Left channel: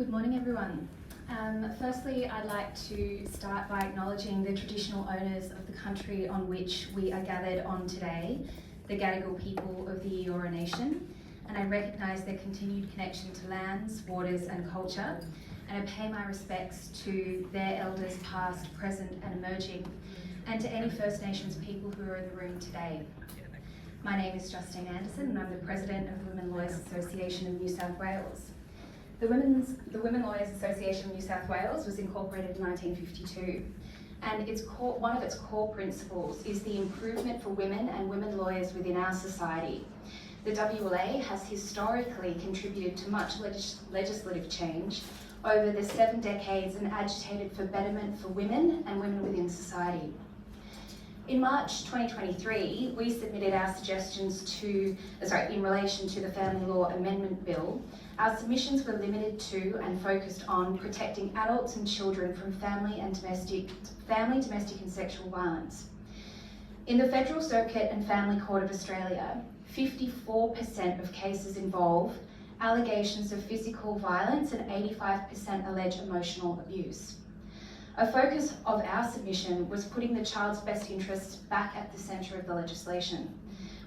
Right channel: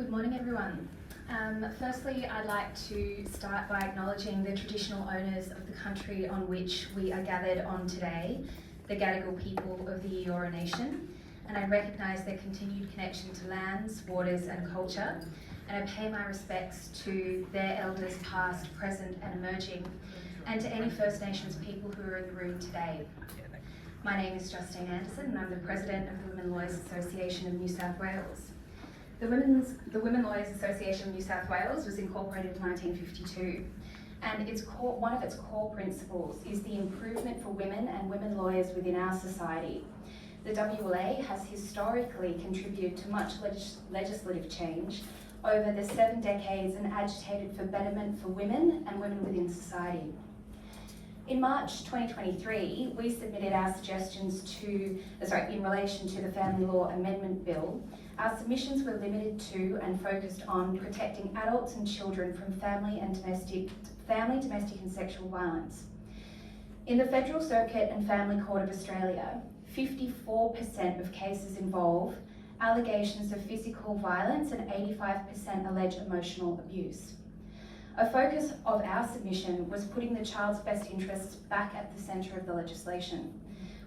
Good morning, everyone. Firstly, I'd like to start by acknowledging the traditional owners of the country on which we are gathered on today, the Gadigal people of the Eora Nation, and I recognise their continued connection to lands, waters and culture, and I pay my respects to their elders past, present and emerging, and to any First Nations people who are in the room today. My name is Justine Anderson and I'm the President of the Women Lawyers Association of New South Wales. The Women Lawyers Association of New South Wales was incorporated in 1952, and one of its core principles is the improvement for women and women lawyers within our society. The WLA has historically contributed to much legislative change over the 7 decades and agitated for betterment for women and women within society. In March 2023, we submitted our suggestions in relation to the Family Law Amendment Bill. Our submissions were limited to and focused on protecting adults and children from family, domestic and sexual violence. In the Federal Circuit and Family Court of Australia, 54% of cases involve allegations of physical violence and 85% allege emotional abuse. A focus of our submission was putting the child's best interests back at the centre of the legislation.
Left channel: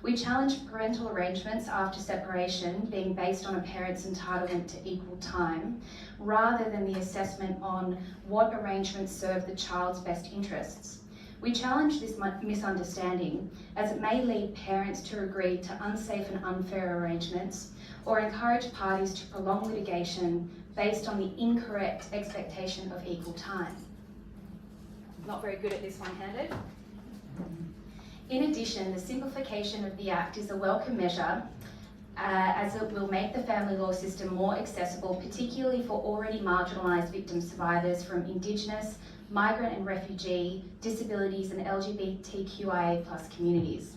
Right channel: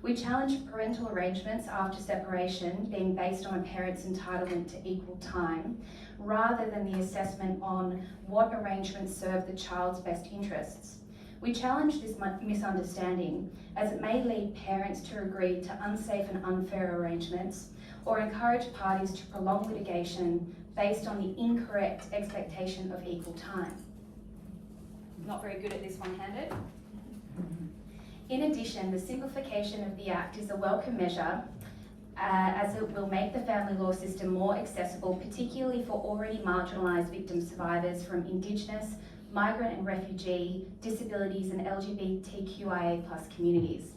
We challenged parental arrangements after separation being based on a parent's entitlement to equal time, rather than the assessment on what arrangements serve the child's best interests. We challenge this misunderstanding as it may lead parents to agree to unsafe and unfair arrangements or encourage parties to prolong litigation based on the incorrect expectation of equal time. Not very good at this one-handed. In addition, the simplification of the Act is a welcome measure as it will make the family law system more accessible, particularly for already marginalised victim survivors from Indigenous, migrant and refugee, disabilities and LGBTQIA+ communities.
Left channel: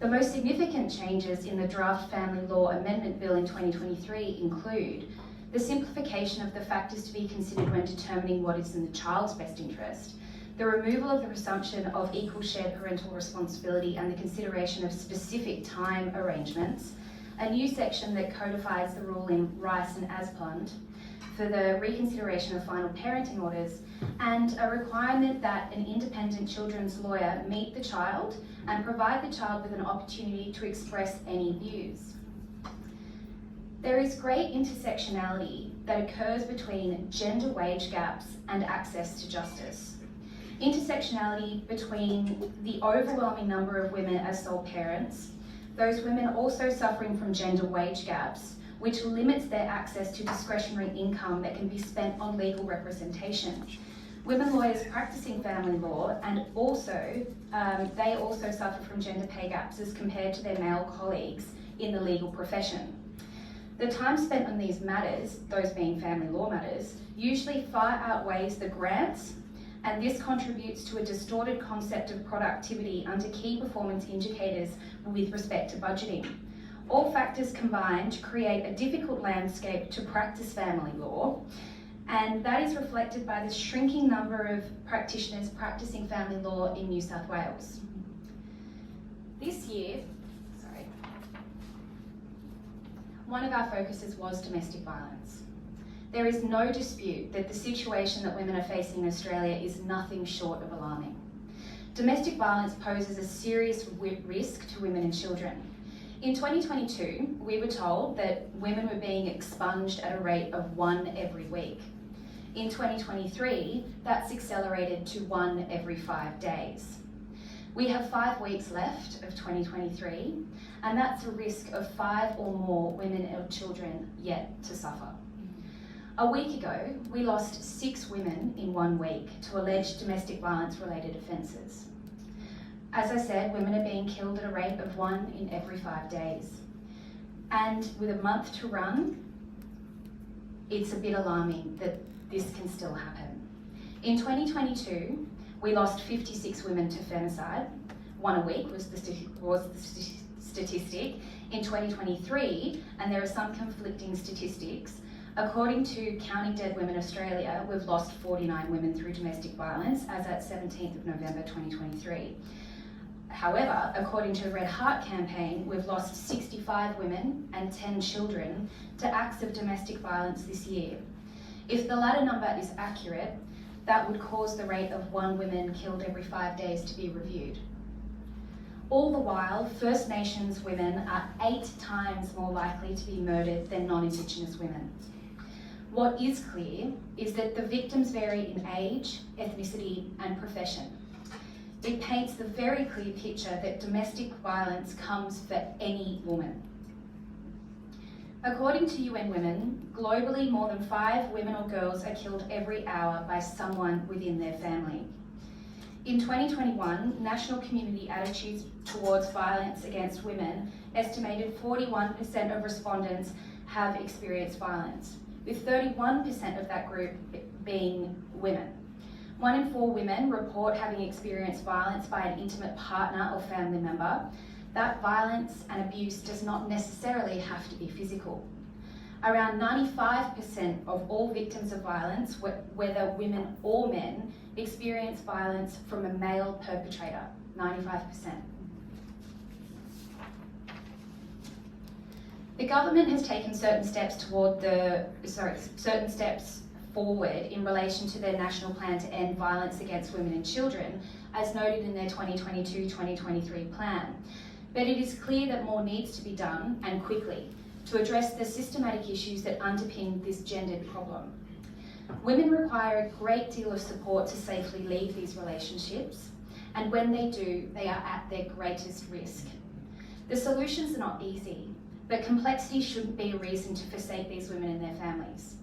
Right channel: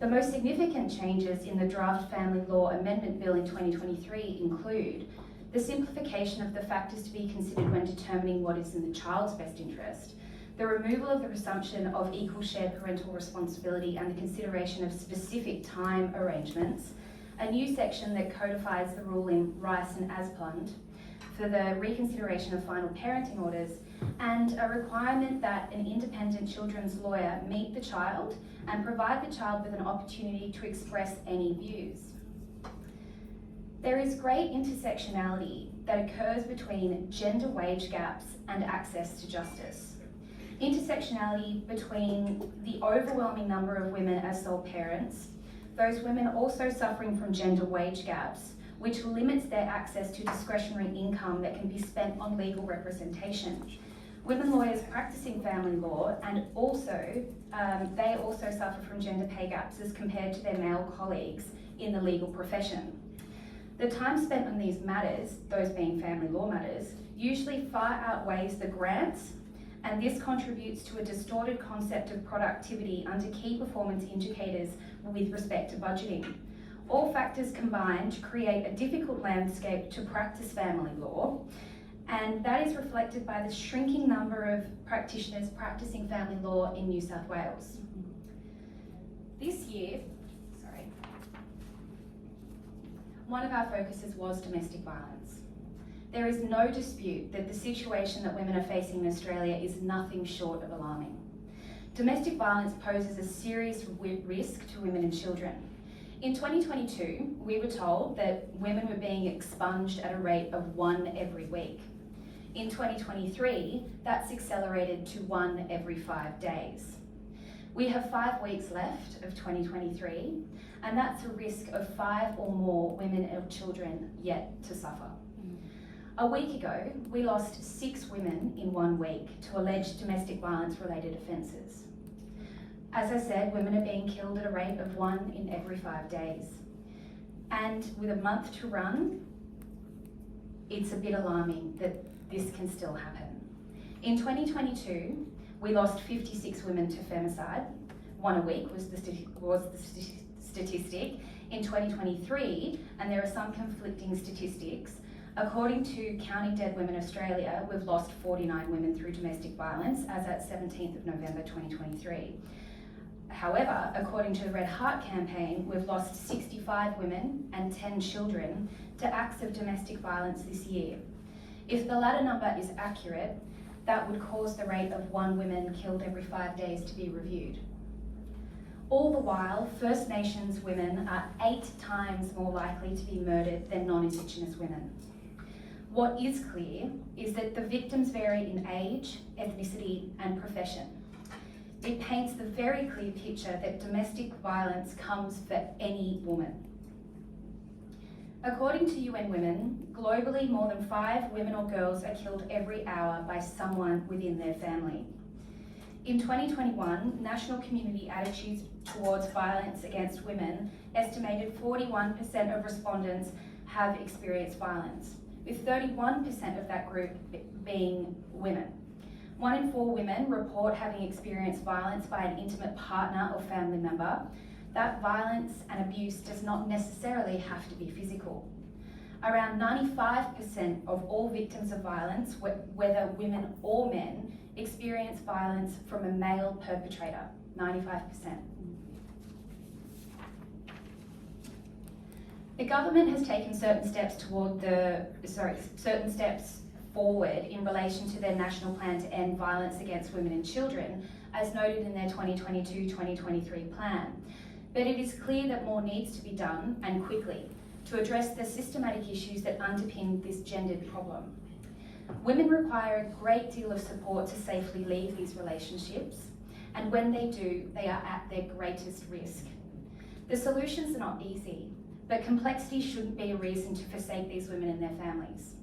The most significant changes in the draft Family Law Amendment Bill in 2023 include the simplification of the factors to be considered when determining what is in the child's best interest, the removal of the presumption of equal shared parental responsibility and the consideration of specific time arrangements, a new section that codifies the rule in Rice and Asplund for the reconsideration of final parenting orders, and a requirement that an independent children's lawyer meet the child and provide the child with an opportunity to express any views. There is great intersectionality that occurs between gender wage gaps and access to justice. Intersectionality between the overwhelming number of women as sole parents, those women also suffering from gender wage gaps, which limits their access to discretionary income that can be spent on legal representation. Women lawyers practicing family law and they also suffer from gender pay gaps as compared to their male colleagues in the legal profession. The time spent on these matters, those being family law matters, usually far outweighs the grants, and this contributes to a distorted concept of productivity under key performance indicators with respect to budgeting. All factors combine to create a difficult landscape to practice family law, and that is reflected by the shrinking number of practitioners practicing family law in New South Wales. This year, one of our focuses was domestic violence. There is no dispute that the situation that women are facing in Australia is nothing short of alarming. Domestic violence poses a serious risk to women and children. In 2022, we were told that women were being expunged at a rate of 1 every week. In 2023, that's accelerated to 1 every 5 days. We have 5 weeks left of 2023, and that's a risk of 5 or more women and children yet to suffer. A week ago, we lost 6 women in 1 week to alleged domestic violence related offences. As I said, women are being killed at a rate of 1 in every 5 days. And with a month to run, it's a bit alarming that this can still happen. In 2022, we lost 56 women to femicide. 1 a week was the statistic. In 2023, and there are some conflicting statistics, according to Counting Dead Women Australia, we've lost 49 women through domestic violence as at 17th of November 2023. However, according to the Red Heart campaign, we've lost 65 women and 10 children to acts of domestic violence this year. If the latter number is accurate, that would cause the rate of 1 woman killed every 5 days to be reviewed. All the while, First Nations women are 8 times more likely to be murdered than non-Indigenous women. What is clear is that the victims vary in age, ethnicity, and profession. It paints the very clear picture that domestic violence comes for any woman. According to UN Women, globally more than 5 women or girls are killed every hour by someone within their family. In 2021, national community attitudes towards violence against women estimated 41% of respondents have experienced violence, with 31% of that group being women. 1 in 4 women report having experienced violence by an intimate partner or family member. That violence and abuse does not necessarily have to be physical. Around 95% of all victims of violence, whether women or men, experience violence from a male perpetrator, 95%. The government has taken certain steps forward in relation to their national plan to end violence against women and children, as noted in their 2022-2023 plan. But it is clear that more needs to be done, and quickly, to address the systematic issues that underpin this gendered problem. Women require a great deal of support to safely leave these relationships, and when they do, they are at their greatest risk. The solutions are not easy, but complexity shouldn't be a reason to forsake these women and their families.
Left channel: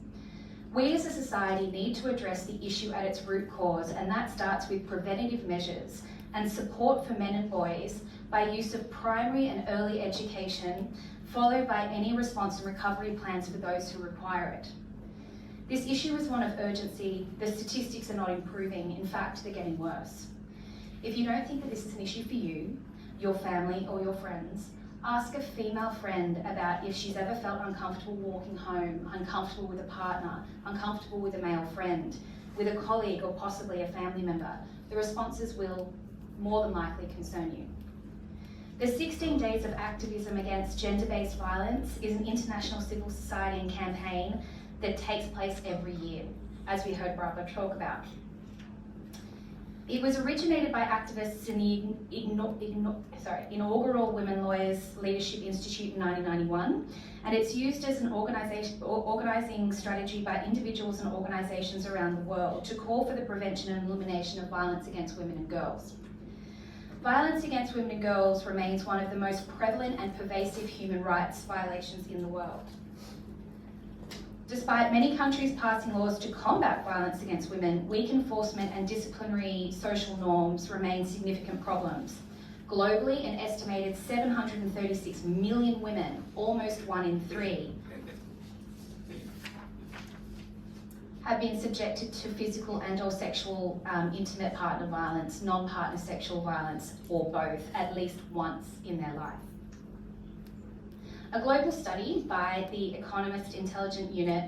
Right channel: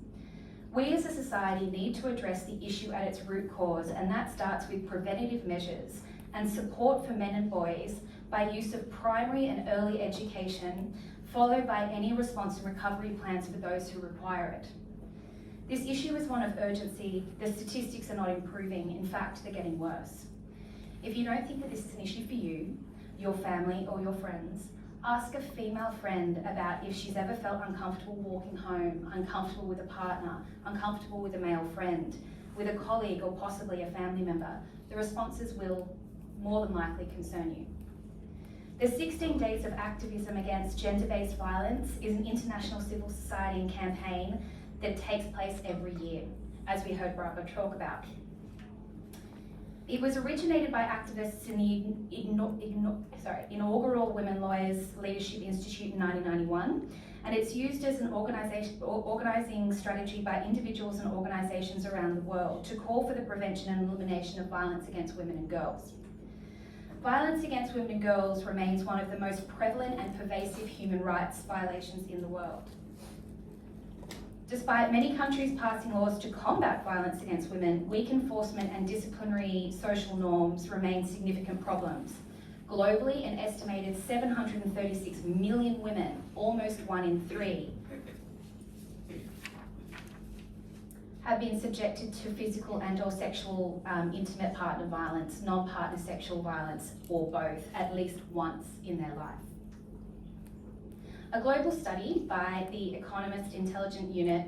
We as a society need to address the issue at its root cause, and that starts with preventative measures and support for men and boys by use of primary and early education, followed by any response and recovery plans for those who require it. This issue is one of urgency. The statistics are not improving. In fact, they're getting worse. If you don't think that this is an issue for you, your family, or your friends, ask a female friend about if she's ever felt uncomfortable walking home, uncomfortable with a partner, uncomfortable with a male friend, with a colleague, or possibly a family member. The responses will more than likely concern you. The 16 Days of Activism Against Gender-Based Violence is an international civil society campaign that takes place every year, as we heard Barbara talk about. It was originated by activists in the inaugural Women Lawyers Leadership Institute in 1991, and it's used as an organising strategy by individuals and organisations around the world to call for the prevention and elimination of violence against women and girls. Violence against women and girls remains one of the most prevalent and pervasive human rights violations in the world. Despite many countries passing laws to combat violence against women, weak enforcement and disciplinary social norms remain significant problems. Globally, an estimated 736 million women, almost 1 in 3, have been subjected to physical and or sexual intimate partner violence, non-partner sexual violence, or both, at least once in their life. A global study by the Economist Intelligence Unit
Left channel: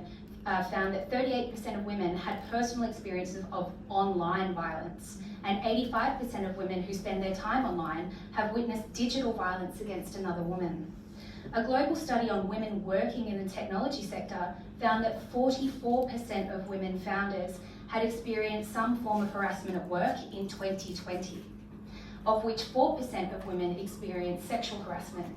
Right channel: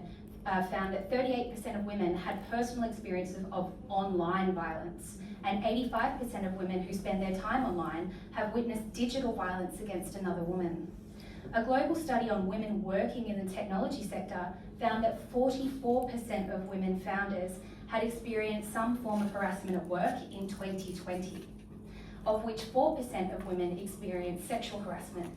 found that 38% of women had personal experiences of online violence, and 85% of women who spend their time online have witnessed digital violence against another woman. A global study on women working in the technology sector found that 44% of women founders had experienced some form of harassment at work in 2020, of which 4% of women experienced sexual harassment.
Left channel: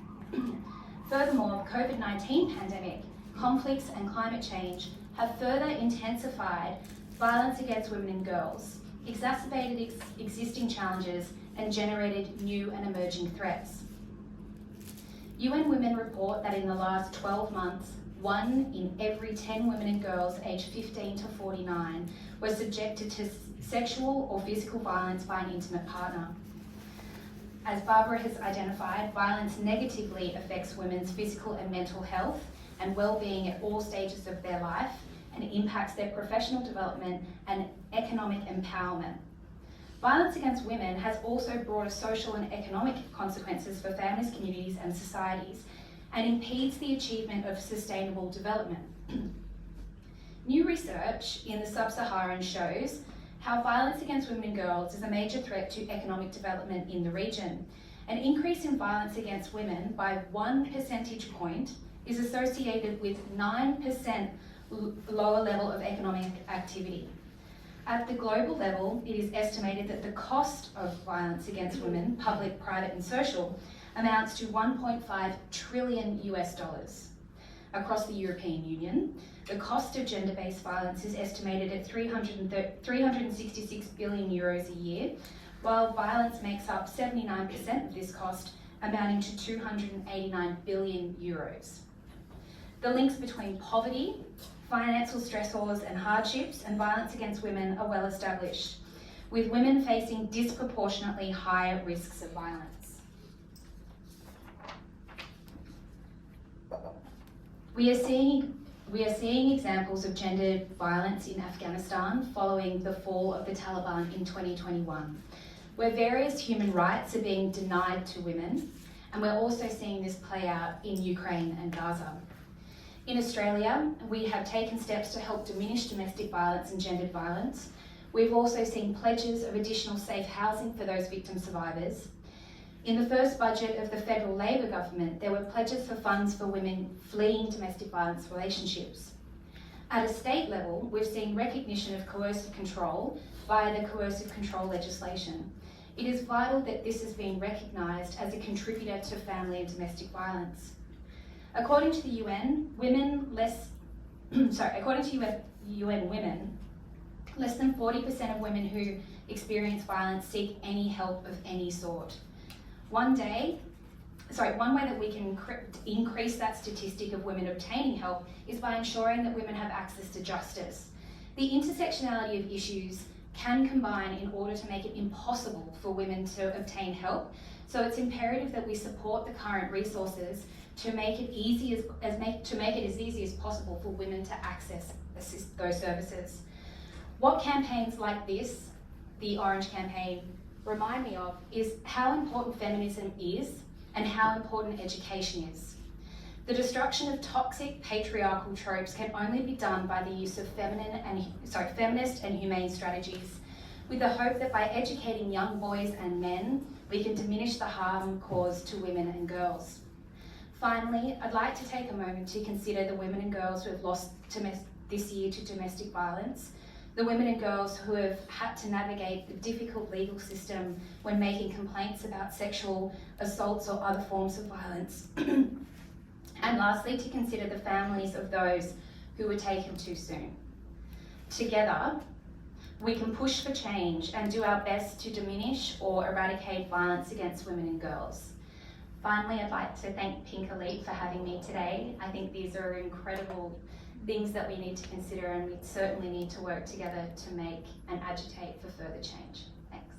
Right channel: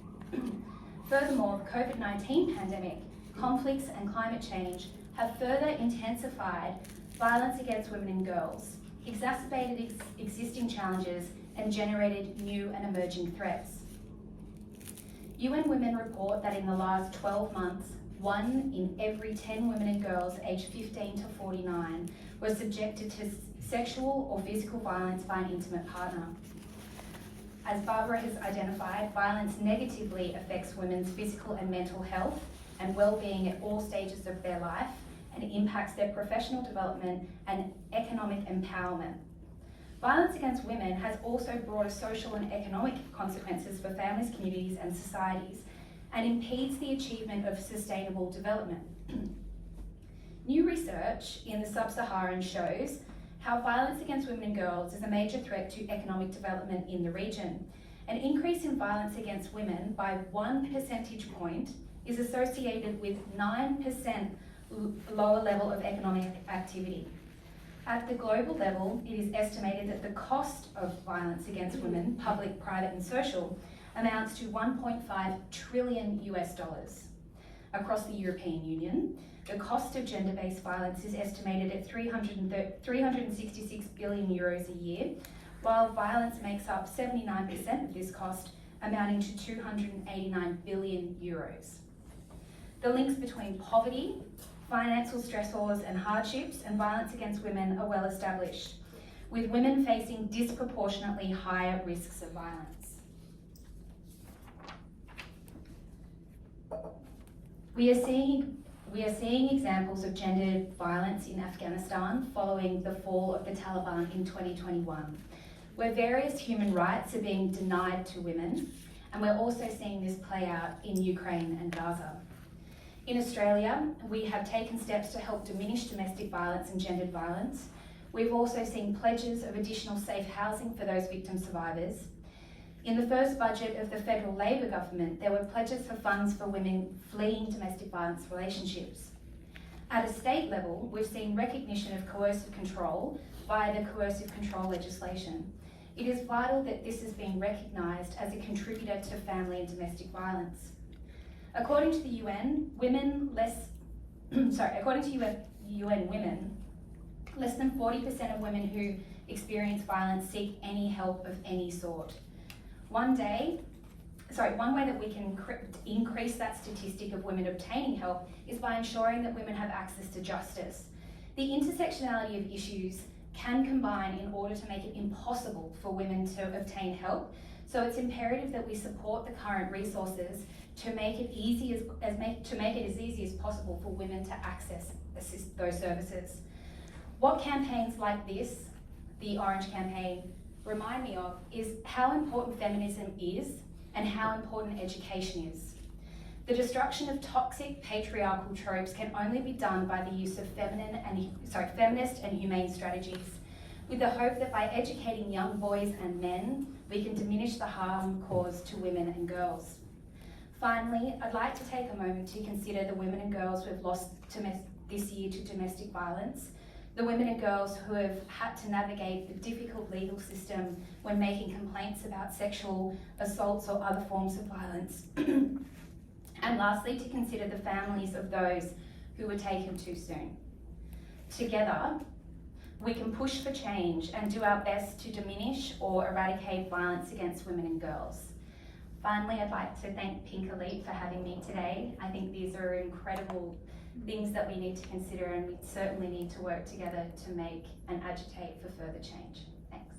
Furthermore, the COVID-19 pandemic, conflicts and climate change have further intensified violence against women and girls, exacerbated existing challenges, and generated new and emerging threats. UN Women report that in the last 12 months, 1 in every 10 women and girls aged 15 to 49 were subjected to sexual or physical violence by an intimate partner. As Barbara has identified, violence negatively affects women's physical and mental health and well-being at all stages of their life, and impacts their professional development and economic empowerment. Violence against women has also broader social and economic consequences for families, communities, and societies, and impedes the achievement of sustainable development. New research in the sub-Saharan shows how violence against women and girls is a major threat to economic development in the region. An increase in violence against women by 1 percentage point is associated with 9% lower level of economic activity. At the global level, it is estimated that the cost of violence against women, public, private and social, amounts to $1.5 trillion US. Across the European Union, the cost of gender-based violence is estimated at 366 billion euros a year, while violence makes up 79% of this cost, amounting to 289 billion euros. The links between poverty, financial stressors and hardships, and violence against women are well established, with women facing disproportionately higher risks of violence. We are seeing examples of gendered violence in Afghanistan following the fall of the Taliban in 2021, where various human rights are being denied to women, and we're also seeing this play out in Ukraine and Gaza. In Australia, we have taken steps to help diminish domestic violence and gendered violence. We've also seen pledges of additional safe housing for those victim survivors. In the first budget of the federal Labor government, there were pledges for funds for women fleeing domestic violence relationships. At a state level, we've seen recognition of coercive control via the coercive control legislation. It is vital that this has been recognised as a contributor to family and domestic violence. According to the UN, UN Women, less than 40% of women who experience violence seek any help of any sort. One way that we can increase that statistic of women obtaining help is by ensuring that women have access to justice. The intersectionality of issues can combine in order to make it impossible for women to obtain help, so it's imperative that we support the current resources to make it as easy as possible for women to access those services. What campaigns like this, the Orange Campaign, remind me of is how important feminism is and how important education is. The destruction of toxic patriarchal tropes can only be done by the use of feminist and humane strategies, with the hope that by educating young boys and men, we can diminish the harm caused to women and girls. Finally, I'd like to take a moment to consider the women and girls who have lost this year to domestic violence, the women and girls who have had to navigate the difficult legal system when making complaints about sexual assaults or other forms of violence. And lastly, to consider the families of those who were taken too soon. Together, we can push for change and do our best to diminish or eradicate violence against women and girls. Finally, I'd like to thank Pink Elite for having me today. I think these are incredible things that we need to consider, and we certainly need to work together to make and agitate for further change. Thanks.